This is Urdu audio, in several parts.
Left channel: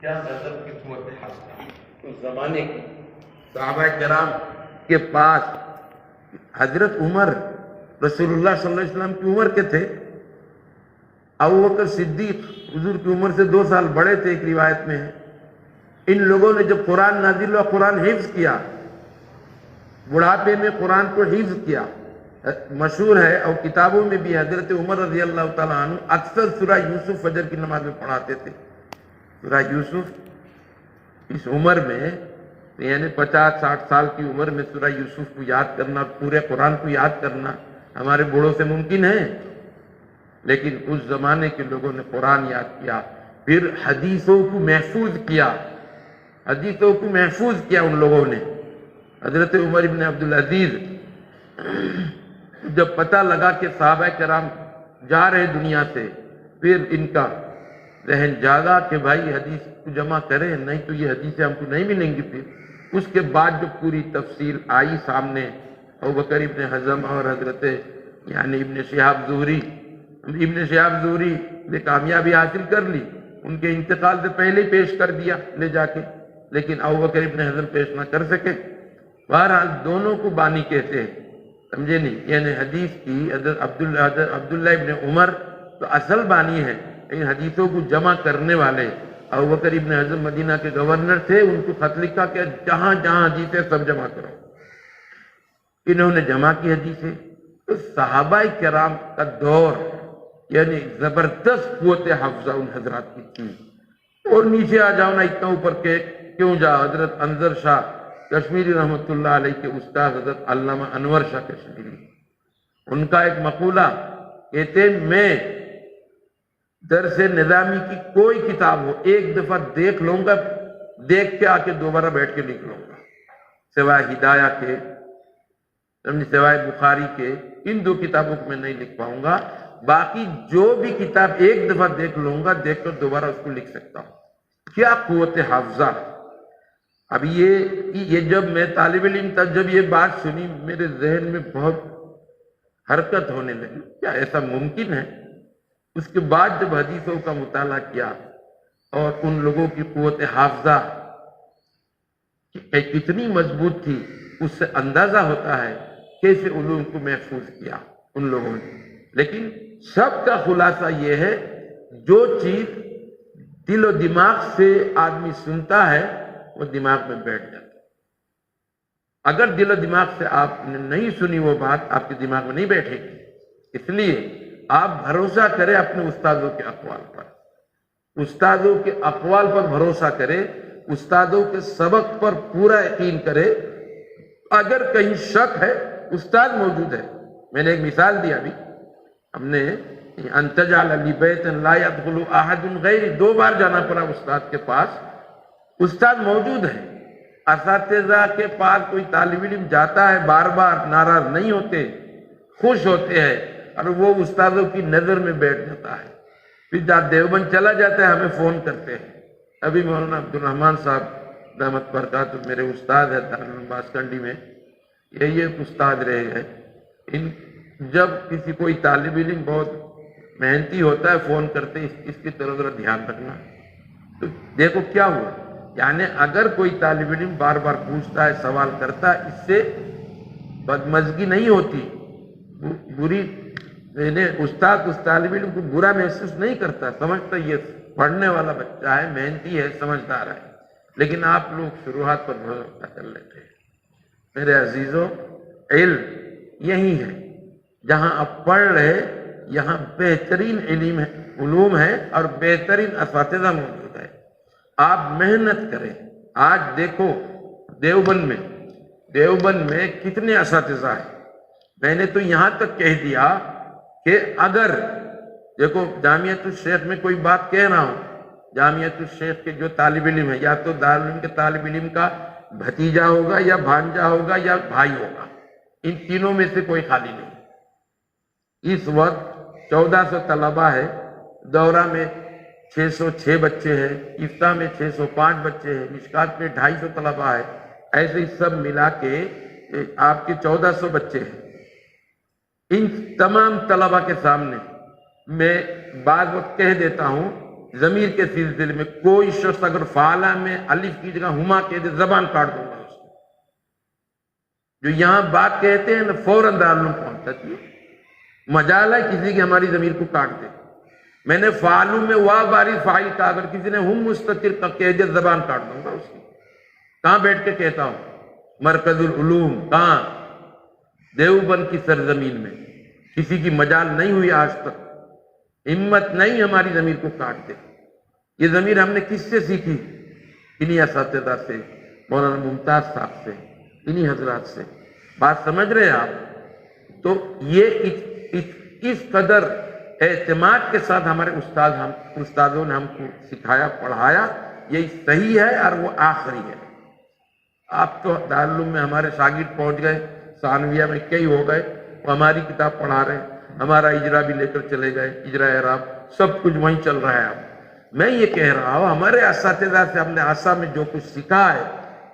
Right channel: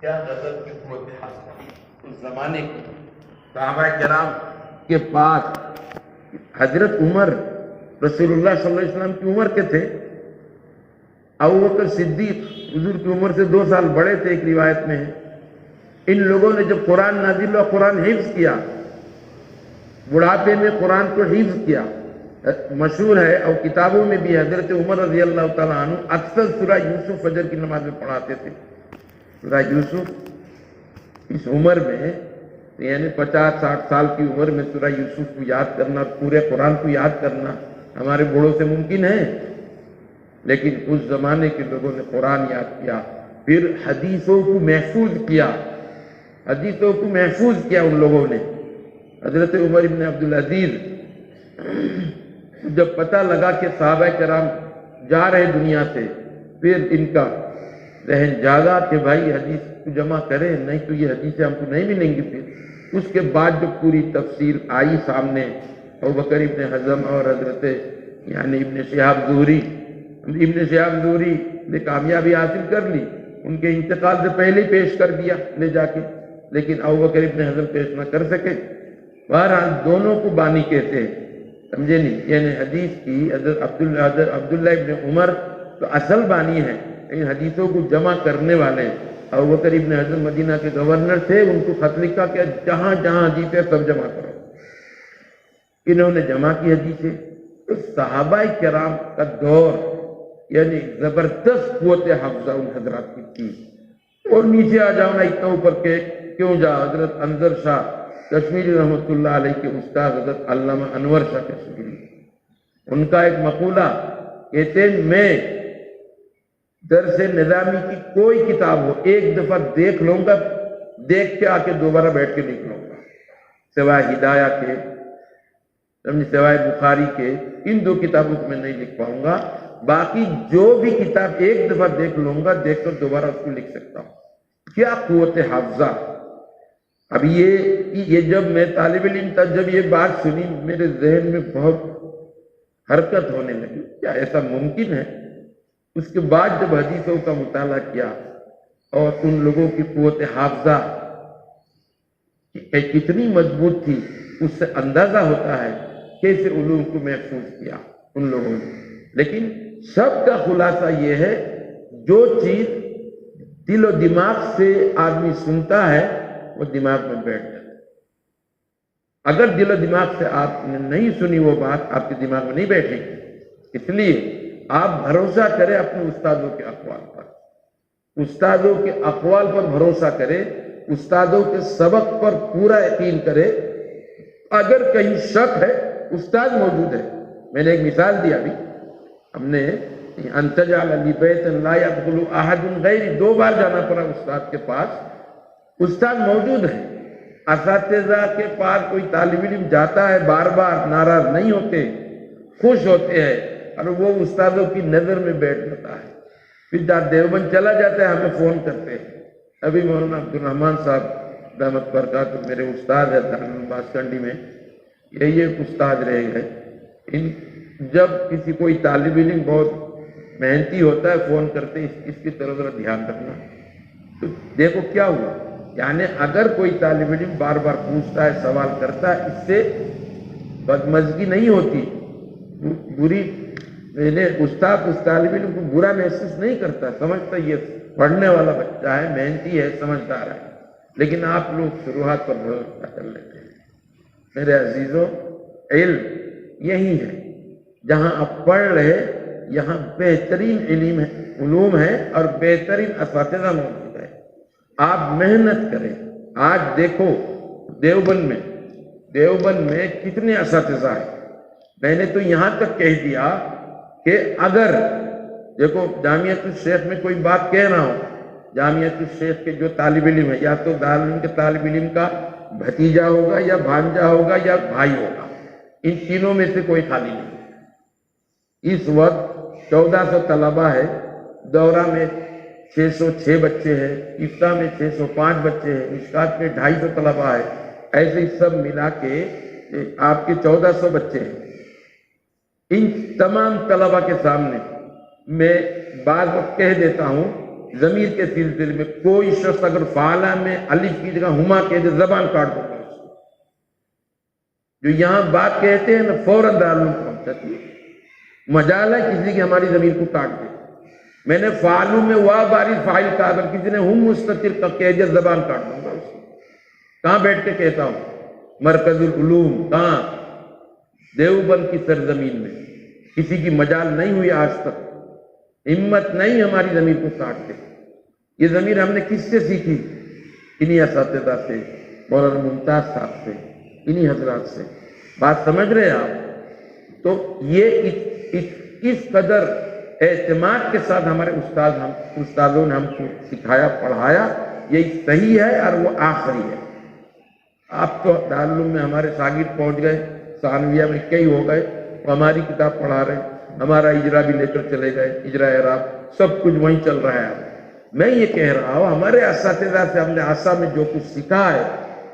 کیا غضب کی قوت حق اس زمانے کی صحابہ کرام کے پاس حضرت عمر رسول اللہ صلی اللہ علیہ وسلم کی عمر کے تھے، ابوبکر صدیق حضور کی عمر سے 2 سال بڑے تھے، ایک روایت میں ہے۔ ان لوگوں نے جب قرآن نازل ہوا قرآن حفظ کیا، بڑھاپے میں قرآن کو حفظ کیا۔ مشہور ہے اور کتابوں میں بھی حضرت عمر رضی اللہ تعالیٰ عنہ اکثر سورہ یوسف فجر کی نماز میں پڑھاتے تھے۔ سورہ یوسف اس عمر میں یعنی 50-60 سال کی عمر میں سورہ یوسف کو یاد کرنا اور پورے قرآن کو یاد کرنا ہمارے بوڑھوں سے ممکن ہے، لیکن اس زمانے کے لوگوں نے قرآن یاد کیا، پھر حدیثوں کو محفوظ کیا، حدیثوں کو محفوظ کیا ان لوگوں نے۔ حضرت عمر ابن عبدالعزیز جب پتہ لگا کہ صحابہ کرام جا رہے دنیا سے، پھر ان کا ذہن جاگا کہ بھائی حدیث کو جمع کریں، نہیں تو یہ حدیثیں ہم کو نہیں ملیں گی۔ پھر اس کے بعد جو پوری تفسیر آئی سامنے، ابوبکر ابن حزم اور حضرت یعنی ابن شہاب زہری نے کامیابی حاصل کر لی، ان کے انتقال سے پہلے پیش کر دیا لے جا کے، لیکن ابوبکر ابن حزم پیش نہ کر سکے۔ بہرحال دونوں کو بانی کہتے ہیں، سمجھے نہیں؟ یعنی حدیث کی حضرت عبداللہ ابن عمر تو اصل بانی ہے، لیکن حدیثوں کو جمع کرنے والے ابوبکر ابن حزم مدینہ کے گورنر تھے، ان کو خط لکھا کہ جہاں جہاں حدیثیں سب جمع کرو۔ انہوں نے جمع کی حدیثیں۔ تو صحابہ کرام کا دور یعنی زبردست قوت حفظہ ان حضرات کی تھی۔ اور نیچے آ جاؤ نا، اتنا اوپر کے کیوں جا؟ حضرت انظر شاہ کشمیری رحمۃ اللہ علیہ کے استاد حضرت علامہ انور شاہ کشمیری، ان کا ایک مقولہ کہتے ہیں، میں درس نظامی کی کوئی کتاب ہو ایک دفعہ دیکھ لوں گا، دیکھ کے آ کے دوبارہ بیٹھ کے لکھ لوں گا، سوائے ہدایہ کے، سوائے بخاری کے، ان 2 کتابوں کو میں نہیں لکھ پاؤں گا، باقی جو بھی کتاب ایک دفعہ دیکھ لوں گا، دیکھ کر دوبارہ اس کو لکھ سکتا ہوں۔ کیا قوت حافظہ! اب یہ جب میں طالب علم تھا، جب یہ بات سنی میرے ذہن میں بہت حرکت ہونے لگی، کیا ایسا ممکن ہے؟ اس کے بعد جب حدیثوں کا مطالعہ کیا اور ان لوگوں کی قوت حافظہ کتنی مضبوط تھی، اس سے اندازہ ہوتا ہے کیسے علوم کو محفوظ کیا ان لوگوں نے۔ لیکن سب کا خلاصہ یہ ہے، جو چیز دل و دماغ سے آدمی سنتا ہے وہ دماغ میں بیٹھ جاتا ہے۔ اگر دل و دماغ سے آپ نے نہیں سنی وہ بات، آپ کے دماغ میں نہیں بیٹھے گی۔ اس لیے آپ بھروسہ کریں اپنے استادوں کے اقوال پر، استادوں کے اقوال پر بھروسہ کریں، استادوں کے سبق پر پورا یقین کریں۔ اگر کہیں شک ہے، استاد موجود ہے۔ میں نے ایک مثال دیا ابھی، ہم نے ان تجعل لبیتا لا يدخل احد غیری، 2 بار جانا پڑا استاد کے پاس، استاد موجود ہے۔ اساتذہ کے پاس کوئی طالب علم جاتا ہے، بار بار ناراض نہیں ہوتے، خوش ہوتے ہیں، اور وہ استادوں کی نظر میں بیٹھ جاتا ہے۔ پھر دیوبند چلا جاتا ہے، ہمیں فون کرتے ہیں۔ ابھی مولانا عبدالرحمن صاحب رحمت برکاتہ میرے استاد ہے دارالعلوم باسکنڈی میں، یہی ایک استاد رہے ہیں۔ جب کسی کوئی طالب علم بہت محنتی ہوتا ہے، فون کرتے اس کی طرف ذرا دھیان رکھنا۔ تو دیکھو کیا ہوا، یعنی اگر کوئی طالب علم بار بار پوچھتا ہے، سوال کرتا ہے، اس سے بدمزگی نہیں ہوتی، بری استاد اس طالب علم کو برا محسوس نہیں کرتا، سمجھتا یہ پڑھنے والا بچہ ہے، محنتی ہے، سمجھدار ہے۔ لیکن آپ لوگ شروعات پر بھروسہ کر لیتے ہیں۔ میرے عزیزوں، علم یہی ہے، جہاں آپ پڑھ رہے یہاں بہترین علوم ہے اور بہترین اساتذہ موجود ہے۔ آپ محنت کریں۔ آج دیکھو دیوبند میں کتنے اساتذہ ہیں۔ میں نے تو یہاں تک کہہ دیا کہ اگر دیکھو جامعۃ الشیخ میں کوئی بات کہہ رہا ہوں، جامعۃ الشیخ کے جو طالب علم ہے، یا تو دارالعلوم کے طالب علم کا بھتیجا ہوگا یا بھانجا ہوگا یا بھائی ہوگا، ان تینوں میں سے کوئی خالی نہیں۔ اس وقت 1400 طلبہ ہے، دورہ میں 606 بچے ہیں، افتاح میں 605 بچے ہیں، مشکات میں 250 طلبہ ہے، ایسے سب ملا کے آپ کے 1400 بچے ہیں۔ ان تمام طلبہ کے سامنے میں بعض وقت کہہ دیتا ہوں ضمیر کے سلسلے میں کوئی شخص اگر فعلا میں الف کی جگہ ہما کہہ دے زبان کاٹ دوں گا اس کو. جو یہاں بات کہتے ہیں نا فوراً دارالعلوم پہنچتی ہے. مجال ہے کسی کی ہماری ضمیر کو کاٹ دے. میں نے فعلو میں وا باری فاعل کا اگر کسی نے ہم مستتر کا کہہ دیا زبان کاٹ دوں گا اس کی. کہاں بیٹھ کے کہتا ہوں؟ مرکز العلوم. کہاں؟ دیوبند کی سرزمین میں. کسی کی مجال نہیں ہوئی آج تک، ہمت نہیں ہماری ضمیر کو کاٹ دے. یہ ضمیر ہم نے کس سے سیکھی؟ انہی اساتذہ سے، مولانا ممتاز صاحب سے، انہی حضرات سے. بات سمجھ رہے ہیں آپ؟ تو یہ اس قدر اعتماد کے ساتھ ہمارے استادوں نے ہم کو سکھایا پڑھایا، یہی صحیح ہے اور وہ آخری ہے. آپ تو دارالعلوم میں ہمارے شاگرد پہنچ گئے، ثانویہ میں کئی ہو گئے، وہ ہماری کتاب پڑھا رہے ہیں، ہمارا اجرا بھی لے کر چلے گئے، اجرا اعراب سب کچھ وہیں چل رہا ہے. اب میں یہ کہہ رہا ہوں ہمارے اساتذہ سے ہم نے آسا میں جو کچھ سیکھا ہے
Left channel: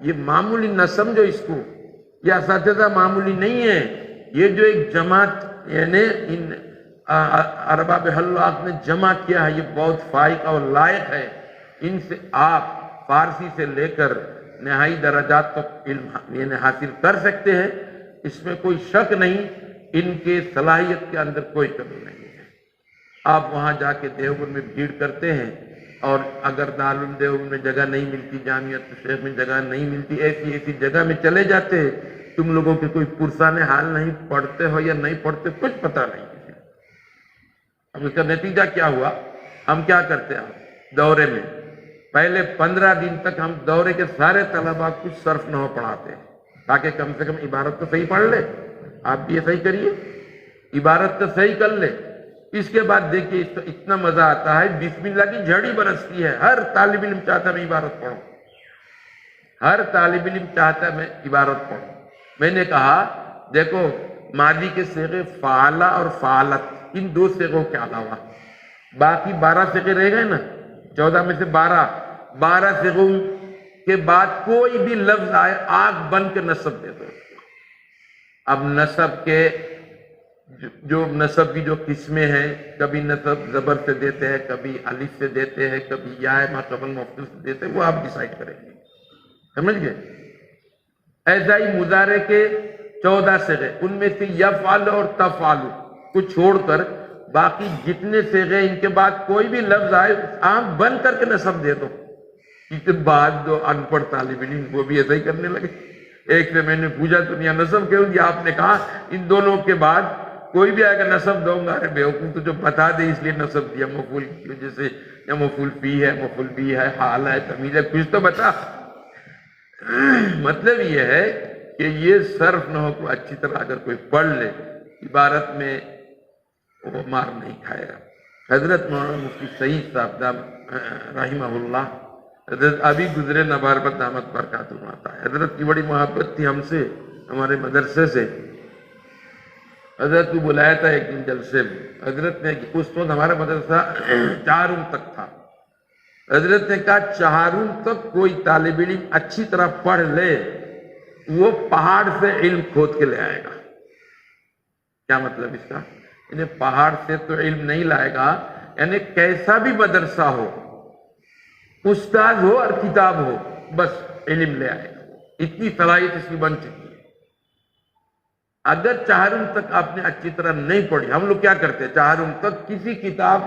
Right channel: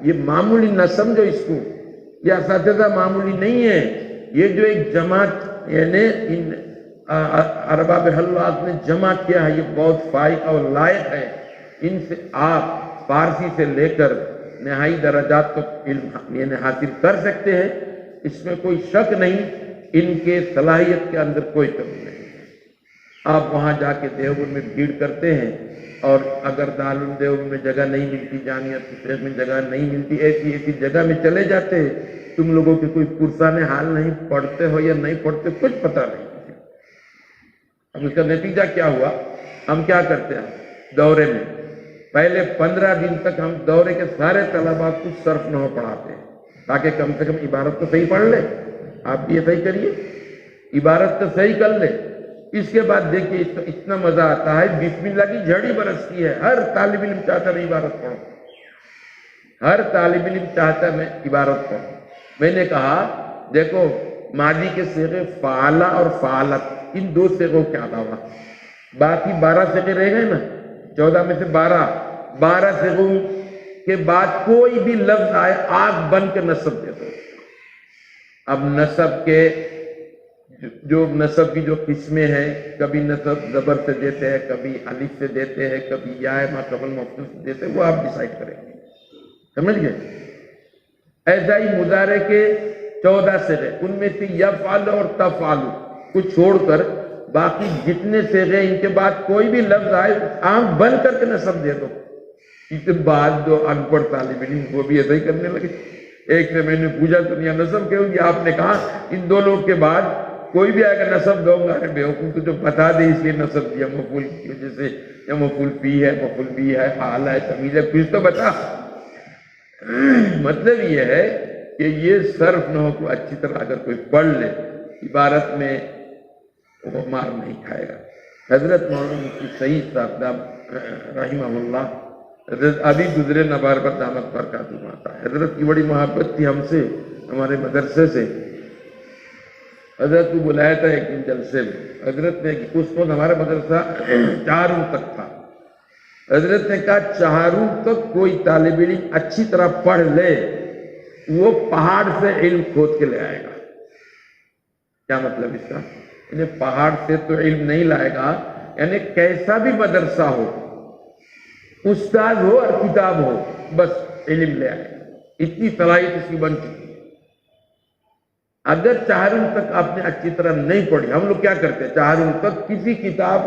یہ معمولی نہ سمجھو اس کو. یہ اساتذہ معمولی نہیں ہے. یہ جو ایک جماعت یعنی ان ارباب حلوات نے جمع کیا ہے یہ بہت فائق اور لائق ہے. ان سے آپ فارسی سے لے کر نہائی درجات تک علم یعنی حاصل کر سکتے ہیں، اس میں کوئی شک نہیں. ان کے صلاحیت کے اندر کوئی کمی نہیں ہے. آپ وہاں جا کے دیوبند میں بھیڑ کرتے ہیں اور اگر دارالعلوم دیوبند میں جگہ نہیں ملتی، جامعہ شیخ میں جگہ نہیں ملتی، ایسی جگہ میں چلے جاتے ہیں. تم لوگوں کے کوئی پرسان حال نہیں، پڑھتے ہو یا نہیں پڑھتے کچھ پتہ نہیں. اب اس کا نتیجہ کیا ہوا؟ ہم کیا کرتے ہیں دورے میں پہلے 15 دن تک ہم دورے کے سارے طلباء کو صرف نحو پڑھاتے ہیں تاکہ کم سے کم عبارت تو صحیح پڑھ لے. آپ بھی ایسا ہی کریے، عبارت تو صحیح کر لے. اس کے بعد دیکھیے اس کا اتنا مزہ آتا ہے، بسم اللہ کی جھڑی برستی ہے. ہر طالب علم چاہتا ہے میں عبارت پڑھوں، ہر طالب علم چاہتا ہے میں عبارت پڑھوں. میں نے کہا دیکھو ماضی کے صیغے فعلا اور فعلت ان دو صیغوں کے علاوہ باقی 12 صیغے رہ گئے نا، 14 میں سے 12 صیغوں کے بعد کوئی بھی لفظ آئے آنکھ بند کے نصب دے دو. اب نصب کے جو نصب کی جو قسمیں ہیں، کبھی نصب زبر سے دیتے ہیں، کبھی الف سے دیتے ہیں، کبھی یا ما قبل مفعول سے دیتے ہیں، وہ آپ ڈیسائیڈ کریں گے. سمجھ گئے؟ ایسا ہی مضارع کے 14 صیغے، ان میں سے یفعل اور تفعل کو چھوڑ کر باقی جتنے صیغے ان کے بعد کوئی بھی لفظ آئے آنکھ بند کر کے نصب دے دو. اس کے بعد جو ان پڑھ طالب علم وہ بھی ایسا ہی کرنے لگے. ایک سے میں نے پوچھا تم یہ نصب کیوں کیا؟ آپ نے کہا ان دونوں کے بعد کوئی بھی آئے گا نصب دوں گا. ارے بیوقوف تو جو بتا دے اس لیے نصب کیا، مفعول کی وجہ سے، یا مفعول فی ہے، مفعول بھی ہے، حال ہے، تمیز ہے، کچھ تو بتا. مطلب یہ ہے کہ یہ صرف نحو کو اچھی طرح اگر کوئی پڑھ لے عبارت میں وہ مار نہیں کھائے گا. حضرت مولانا مفتی سعید صاحب رحمہ اللہ، حضرت ابھی گزرے نباربت دامت برکاتہم آتا ہے. حضرت کی بڑی محبت تھی ہم سے، ہمارے مدرسے سے. حضرت کو بلایا تھا ایک دن جلسے میں. حضرت نے اس وقت ہمارا مدرسہ 4 تک تھا. حضرت نے کہا 4 تک کوئی طالب علم اچھی طرح پڑھ لے وہ پہاڑ سے علم کھود کے لے آئے گا. کیا مطلب اس کا؟ یعنی پہاڑ سے تو علم نہیں لائے گا، یعنی کیسا بھی مدرسہ ہو، استاد ہو اور کتاب ہو، بس علم لے آئے گا. اتنی صلاحیت اس کی بن چکی. اگر 4 تک آپ نے اچھی طرح نہیں پڑھی، ہم لوگ کیا کرتے 4 تک کسی کتاب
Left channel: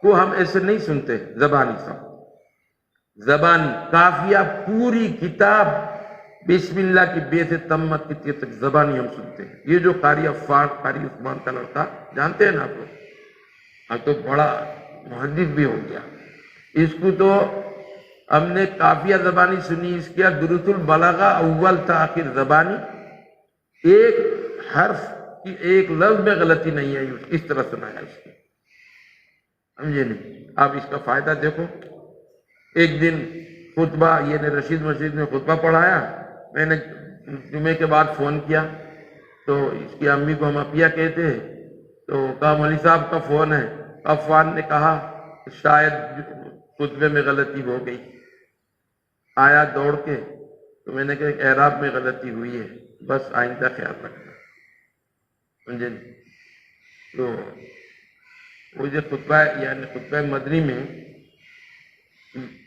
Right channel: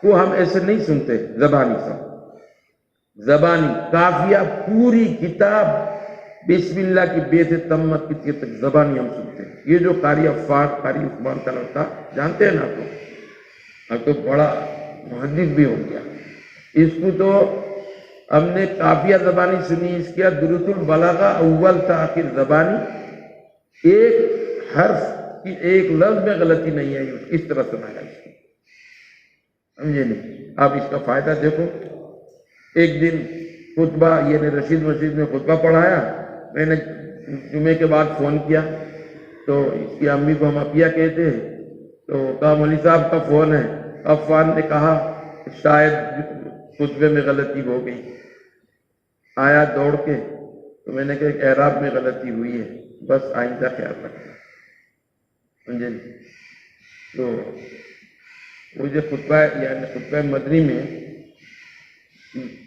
کو ہم ایسے نہیں سنتے زبانی سب، زبانی کافیہ پوری کتاب بسم اللہ کی بے سے تمت کی تک زبانی ہم سنتے ہیں. یہ جو قاری افاق، قاری عثمان کا لڑکا جانتے ہیں نا آپ کو، اب تو بڑا محدث بھی ہو گیا. اس کو تو ہم نے کافیہ زبانی سنی، اس کیا دروس البلاغہ اول تا آخر زبانی، ایک حرف کی ایک لفظ میں غلطی نہیں آئی، اس طرح سنایا اس کو. سمجھے نہیں؟ آپ اس کا فائدہ دیکھو. ایک دن خطبہ یہ رشید مسجد میں خطبہ پڑھایا. میں نے جمعے کے بعد فون کیا تو اس کی امی کو ہم اپیا کہتے ہیں، تو کہا مولوی صاحب کا فون ہے. عفان نے کہا شاید خطبے میں غلطی ہو گئی. آیا دوڑ کے تو میں نے کہا اعراب میں غلطی ہوئی ہے، بس آئندہ خیال رکھنا. سمجھے؟ تو وہ جو خطبہ یعنی خطبہ مدنی میں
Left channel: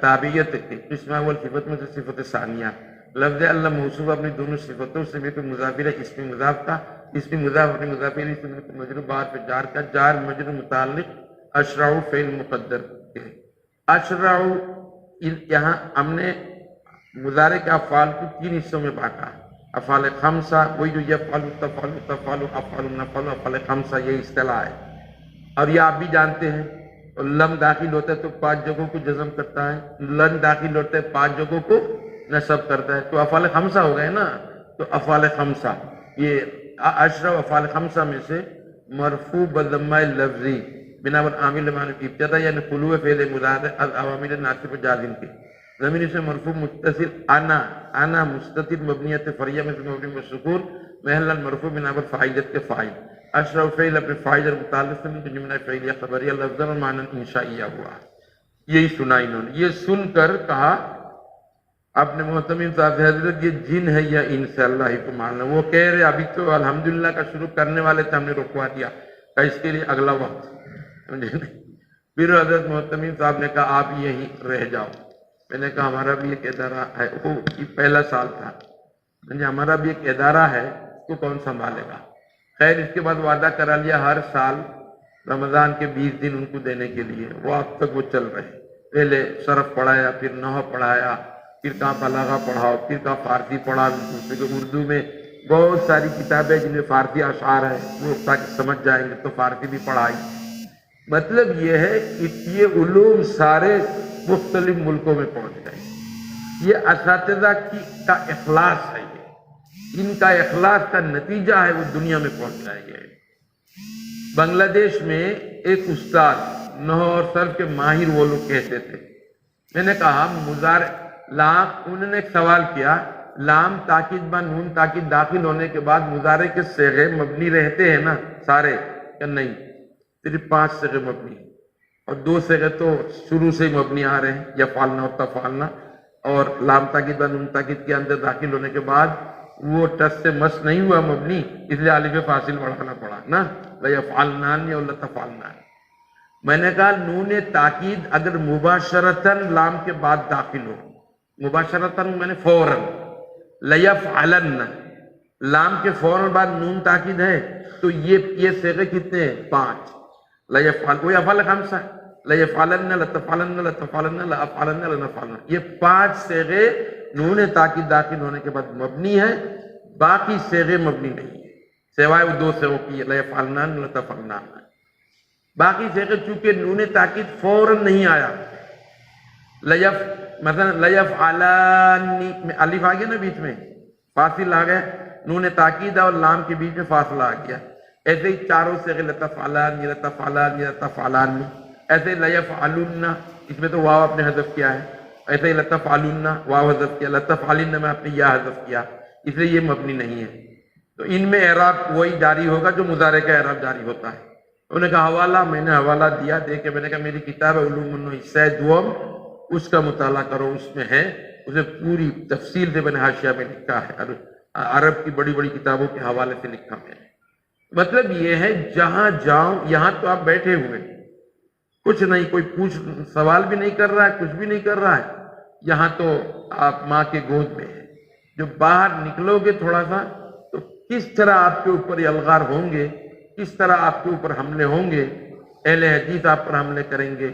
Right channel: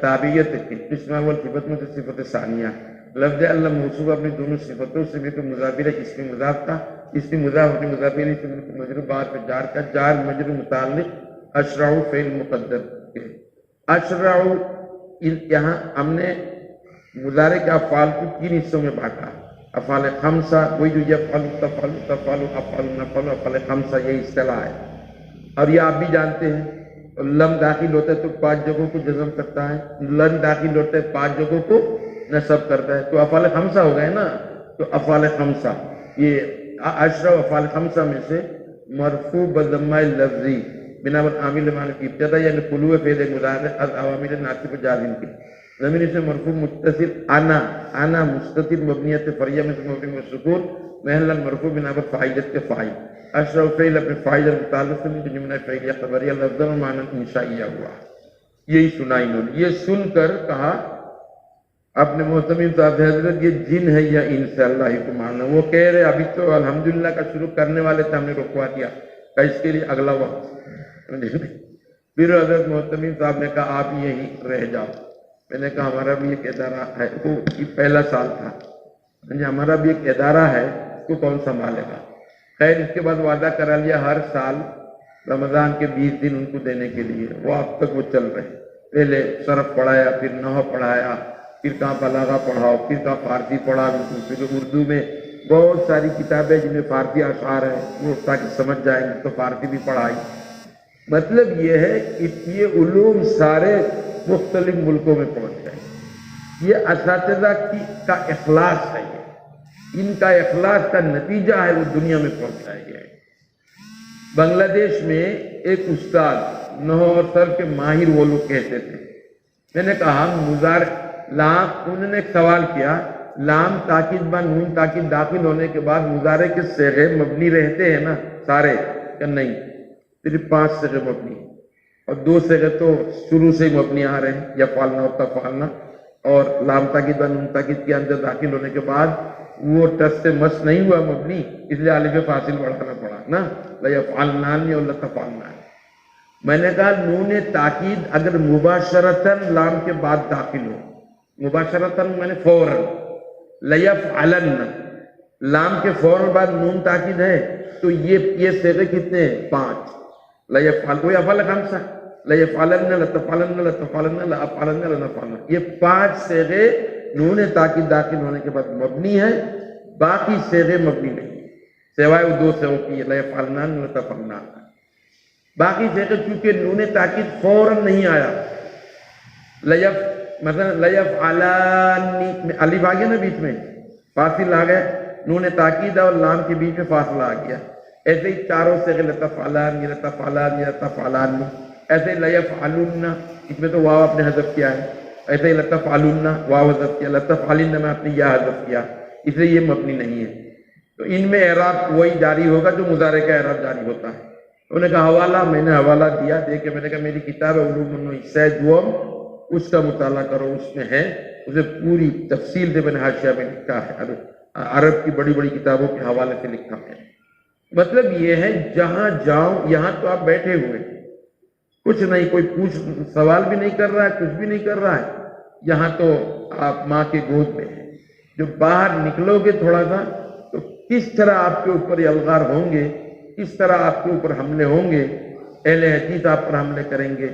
تابعیت کی قسم اول صفت میں سے صفت ثانیہ لفظ اللہ موصوف اپنی دونوں صفتوں سے بھی تو مضاف الیہ اس میں مضاف کا اس میں مضاف اپنی مضاف الیہ سے مجرور بعد پہ جار کا جار مجرور متعلق اشرع فعل مقدر کے اشرع یہاں ہم نے مضارع کے افعال کو 3 حصوں میں بانٹا افعال خمسہ وہی جو یفعل تفعل تفعل افعل نفعل افعال خمسہ یہ اصطلاح ہے اور یہ آپ بھی جانتے ہیں لم داخل ہوتا ہے تو 5 جگہوں کو جزم کرتا ہے لن داخل ہوتا ہے 5 جگہوں کو نصب کرتا ہے تو افعال خمسہ ہو گئے نا تو افعال خمسہ یہ اشرع افعال خمسہ میں سے مرفوع بضمہ لفظی بنا عامل معنی کی ابتدا یعنی طلوع فعل مضارع از عوامل ناصب جازم کے ضمیر سے مرفوع متصل انا مستتر مبنیت فریہ میں مبنی بالسکون محلا مرفوع بنا فاعلیت کے فاعل اشرع فعل اپنے فاعل متعلق سے جملہ فعلیہ خبریہ لفظ اور معنی انشائیہ ہوا یہی سنا انہوں نے یہ سن کر کہا اپنے محتمین صاحب حضرت یہ جن ہے یا انس اللہ ہی کو ماننا وہ کہہ رہے ابھی تو الحمدللہ کا شروع کرنے والے تھے ہم نے رکوا دیا کہ اس کے لیے اگلا وقت پھر حضرت محتمین صاحب نے کہا آپ یہیں رہ جاؤ میں نے کہا ہمارا بھی ایک ادارہ ہے وہ پہلا سال تھا ہمارا بھی ایک ادارہ ہے اس کو کون سنبھالے گا خیر اس کے بعد وعدہ کرا لیا ہر سال رمضان کے 20 دن ان کو دینے کے لیے وہ اب تک وہ چل رہے پہلے صرف پڑھایا پھر نحو پڑھایا پھر کہاں بلاغہ پڑھاؤ پھر کہاں فارسی پڑھا پھر اردو میں بہت ساری کتابیں جن میں فارسی اشعار ہیں وہ تاکہ سمجھ جائیں گے تو فارسی بھی پڑھائی مطلب یہ ہے کہ یہ علوم سارے مختلف ملکوں میں پہنچ گئے یہ اساتذہ کا اخلاص ہے ان کا اخلاص کا نتیجہ ہے وہ دنیا میں پہنچایا گیا ہے بنگلہ دیش میں ایک استاد نحو اور صرف کے ماہر وہ لوگ کہتے تھے میں نے کہا لام انہوں نے ایک سوال کیا لام تاکید با نون تاکید داخل ہونے کے بعد مضارع کے صیغے مبنی رہتے ہیں نا سارے کہ نہیں صرف 5 صیغے مبنی اور 2 صیغے تو شروع سے مبنی آ رہے ہیں یا فعلنا اور تفعلنا اور لام تاکید با نون تاکید کے اندر داخل ہونے کے بعد وہ ٹس سے مس نہیں ہوا مبنی اس لیے الف فاصل بڑھانا پڑا نا لیفعلنان یا لتفعلنان میں نے کہا نون تاکید اگر مباشرتاً لام کے بعد داخل ہو مباشرتاً میں نے فوراً لیفعلن لام کے فوراً بعد نون تاکید ہے تو یہ صیغے کتنے ہیں 5 لیفعل کوئی افعال خمسہ لیفعلن لتفعلن لتفعلن لافعلن لنفعلن یہ 5 صیغے نون تاکید داخل ہونے کے بعد مبنی ہے باقی صیغے مبنی نہیں سوائے وہ 2 صیغوں کی لیفعلنان لتفعلنان باقی صیغے چونکہ نون تاکید فوراً نہیں آیا مثلا لیفعلانی الف آ گیا نا بیچ میں فاصل آ گئے نون تاکید اور لام کے بیچ میں فاصلہ آ گیا ایسے ہی چاروں صیغے لتفعلان لتفعلان لتفعلان ایسے لیفعلن اس میں تو واو آپ نے حذف کیا ہے ایسے ہی لتفعلن واو حذف کیا لتفعلن میں آپ نے یا حذف کیا اس لیے یہ مبنی نہیں ہے تو ان میں اعراب وہی جاری ہوگا جو مضارع کا اعراب جاری ہوتا ہے انہوں نے کہا حوالہ میں نے حوالہ دیا دے کے میں نے کہا میری کتاب ہے علوم النحو حصہ دوم اس کا مطالعہ کرو اس میں ہے اسے پوری تفصیل سے میں نے حاشیہ میں لکھا ہے عرب کی بڑی بڑی کتابوں کے حوالے سے لکھا ہے مطلب یہ ہے جہاں جاؤ یہاں تو آپ بیٹھے ہوئے کچھ نہیں کوئی سوال بھی نہیں کر رہا ہے کچھ بھی نہیں کر رہا ہے یہاں تو آپ ماں کے گود میں ہیں جو باہر نکلو گے تھوڑا سا تو کس طرح آپ کے اوپر یہ الغار ہوں گے کس طرح آپ کے اوپر حملے ہوں گے اہل حدیث آپ پر حملے کریں گے